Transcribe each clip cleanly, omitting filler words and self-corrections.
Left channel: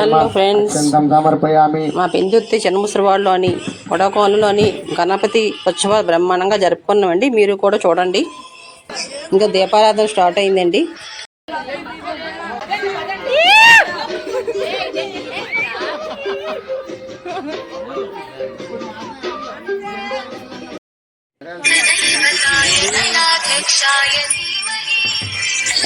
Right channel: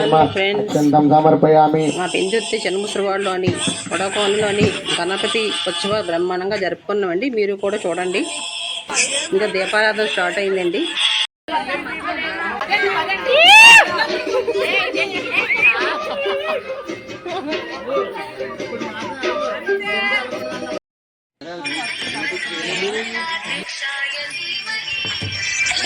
Hello friends, మా పెందుర్తి చెన్నముసరివాడలో అని వడకోనలోని గణపతి ఉత్సవాలు బ్రహ్మాండంగా జరుపుకున్నామండి. మీరు కూడా చూడండి. ఇంకా దీపారాధన స్టార్ట్ అయిందండి.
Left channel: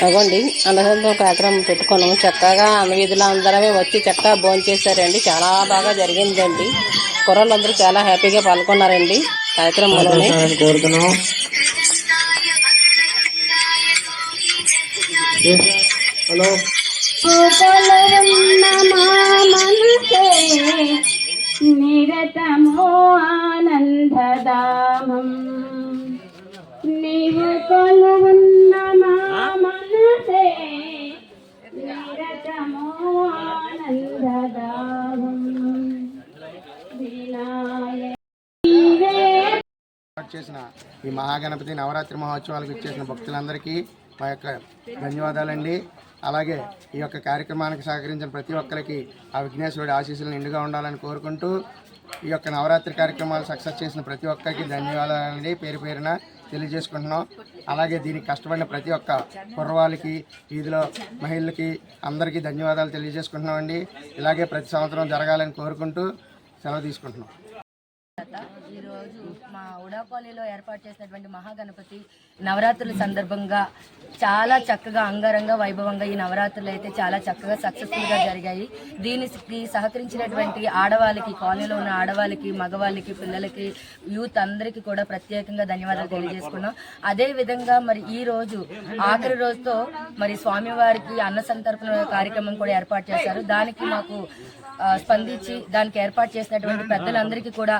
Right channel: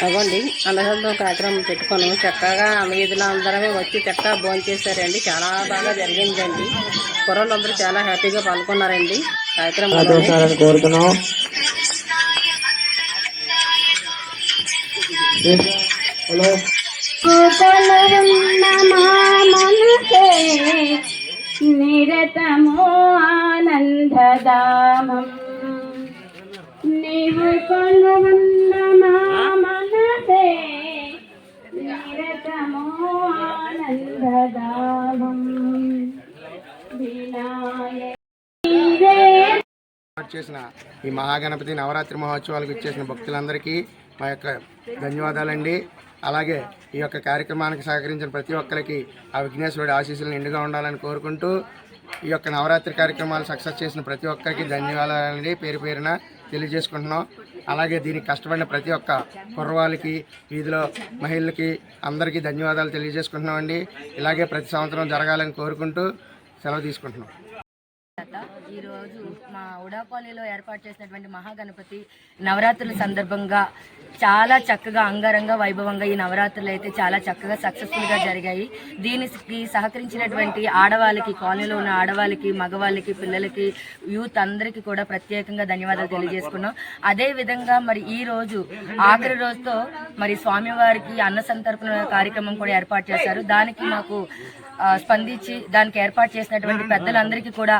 అవ్వండి అన్నదానం కార్యక్రమం పెట్టుకున్నాము. చక్కగా వీధులు అందరమే వచ్చి చక్కగా భోంచేశారండి. చాలా బాగా జరిగిందండి. కుర్రలు అందరూ చాలా హ్యాపీగా పాల్గొన్నారండి కార్యక్రమంలోనే. నిరతమో ఆనందదామం నీవు కొలువున్న మా మనసే నిరతమో ఆనందదామం చేసిన ఈ మహాగణపతి నవరాత్రి మహోత్సవాలకు ఇచ్చేసిన భక్తులందరికీ మా యొక్క ధన్యవాదాలండి. అలాగే ఈ యొక్క కార్యక్రమానికి సహకరించిన ప్రతి ఒక్కరికి ఆ విఘ్నేశ్వరుడి ఆశీస్సులు నిండుగా ఉండాలని కోరుకుంటూ ఈ యొక్క నవరాత్రి కార్యక్రమాలు సక్సెస్ చేసిన ప్రతి ఒక్కరికి ధన్యవాదాలండి పేరు పేరున తెలియజేసుకుంటున్నాం. అలాగే దీనికి కష్టపడిన ప్రతి ఒక్క కుర్రవాళ్ళకి, వీధిలో మహిళలకి అందరికీ ధన్యవాదాలు తెలియజేసుకుంటున్నామండి. ఇలాగే ప్రతి సంవత్సరం జరగాలని కోరుకుంటూ సెలవు తీసుకుంటున్నాం. ఈరోజు మా ఉడాపాలిలో ఏర్పాటు చేసినటువంటి మహాగణపతి నవరాత్రుల సందర్భంగా చాలా చక్కగా అంగరంగ వైభవంగా ఈ నవరాత్రులు అయితే చాలా చక్కగా సక్సెస్ఫుల్గా జరిగాయి. దీనికి సహకరించినటువంటి ఆడవాళ్ళకి, కాలనీలో ఉన్న ఆడవాళ్ళకి, మగవాళ్ళకి, పిల్లలకి, యూత్ అందరికీ కూడా ప్రత్యేకంగా ధన్యవాదాలు తెలియజేసుకున్నాం. అదేవిధంగా మరి ఈ రోజు ఆఖరి రోజుతో మరి స్వామివారికి అన్న సంతర్పణ కార్యక్రమం కూడా ఏర్పాటు చేశారు. దానికి మాకు స్పందించి దానికి ఏర్పాటు చేసినటువంటి పెద్దలందరికీ కూడా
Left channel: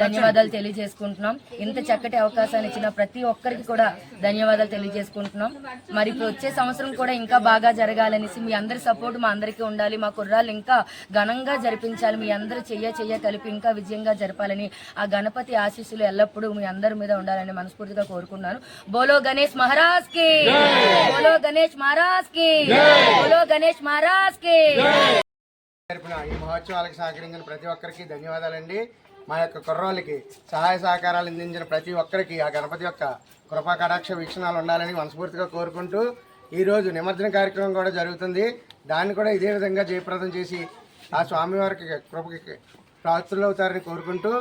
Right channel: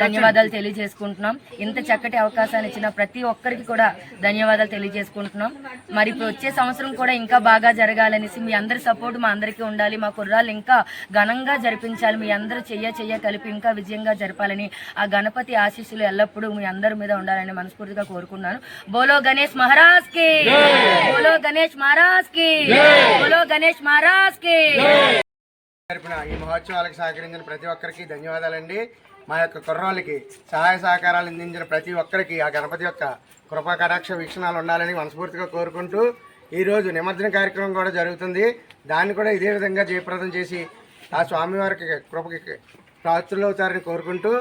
ధన్యవాదాలు తెలియజేసుకుంటున్నాం. ఇంత చక్కటి అవకాశాన్ని ఇచ్చిన ప్రతి ఒక్కరికి కూడా ధన్యవాదాలు తెలియజేసుకుంటున్నాం. మరి ఇప్పుడు వచ్చే సంవత్సరం కూడా ఇంకా బాగా జరగాలనేసి మీ అందరి సపోర్ట్ మా అందరికీ ఉండాలి. మా కుర్రాళ్ళు ఇంకా ఘనంగా జరిపించాలి. మీ అందరూ చెయ్య కలిపి ఇంకా విజయంగా జరపాలని, ఆ గణపతి ఆశీస్సులు ఎల్లప్పుడూ మీ అందరి మీద ఉండాలని మనస్ఫూర్తిగా కోరుకున్నాను. బోలో గణేష్ మహారాజ్ కి, బోలో గణేష్ మహారాజ్ కి, బోలో గణేష్ మహారాజ్ కి. ఈ మహోత్సవాలకు సహకరించిన ప్రతి ఒక్కరికి ధన్యవాదాలండి. మా యొక్క కుర్రాళ్ళకి సహాయ సహకారాలు అందించిన ప్రతి ఒక్కరికి ఆ గణపతి యొక్క కృపా కటాక్ష వీక్షణాలు ఉండాలని మనస్ఫూర్తిగా కోరుకుంటూ ఈరోజు నిమజ్జన కార్యక్రమం కూడా జరుగుతుంది. దాన్ని కూడా ఇదే విధంగా జయప్రదం చేసి ఆ స్వామివారికి కృపకి పాత్రులవుతారని కోరుకుంటూ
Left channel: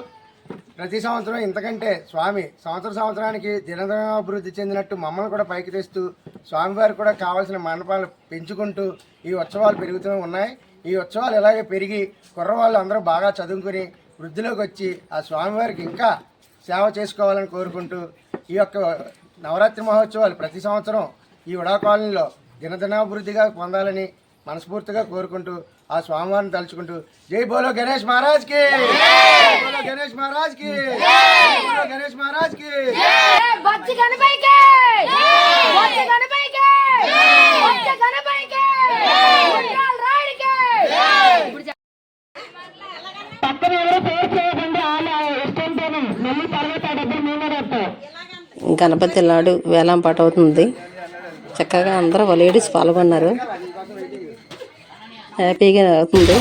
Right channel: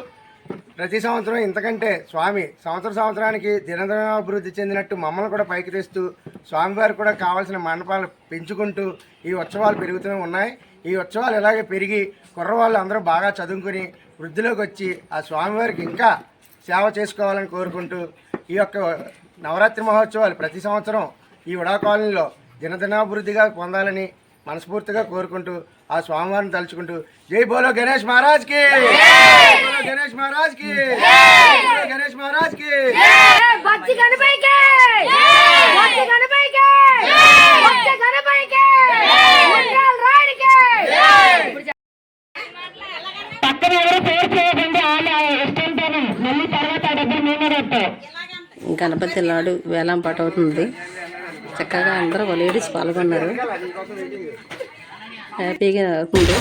ప్రతి సంవత్సరం ఇంతకంటే స్వామి సంవత్సరానికి దినదినాభివృద్ధి చెందినట్టు మమ్మల్ని కూడా పైకి తెస్తూ స్వామివారికి కూడా కావాల్సిన మండపాలు పెంచుకుంటూ ఈ ఉత్సవాలు పెరుగుతూనే ఉన్నాయి. ఈ ఉత్సవాలు ఇలాగే పెరిగి కుర్రవాళ్ళు అందరూ బాగా చదువుకుని వృద్ధిలోకి వచ్చి ఆ స్వామివారికి ఇంకా సేవ చేసుకోవాలని కోరుకుంటూ ఈ యొక్క నవరాత్రి మహోత్సవాలు ప్రతి సంవత్సరం ఈ ఉడా కాలనీలో దినదినాభివృద్ధిగా పొందాలని మనస్ఫూర్తిగా కోరుకుంటూ ఆ స్వామివారిని తలుచుకుంటూ జై బోలో గణేష్ మహారాజ్ కి, బోలో గణేష్ మహారాజ్ కి, బోలో గణేష్ మహారాజ్ కి. గణపతి లాడు వేలం పాట అవుతుంది. చక్కగా అందరూ లేడీస్ పాల్గొన్నారు. హ్యాపీగా అవుతుంది.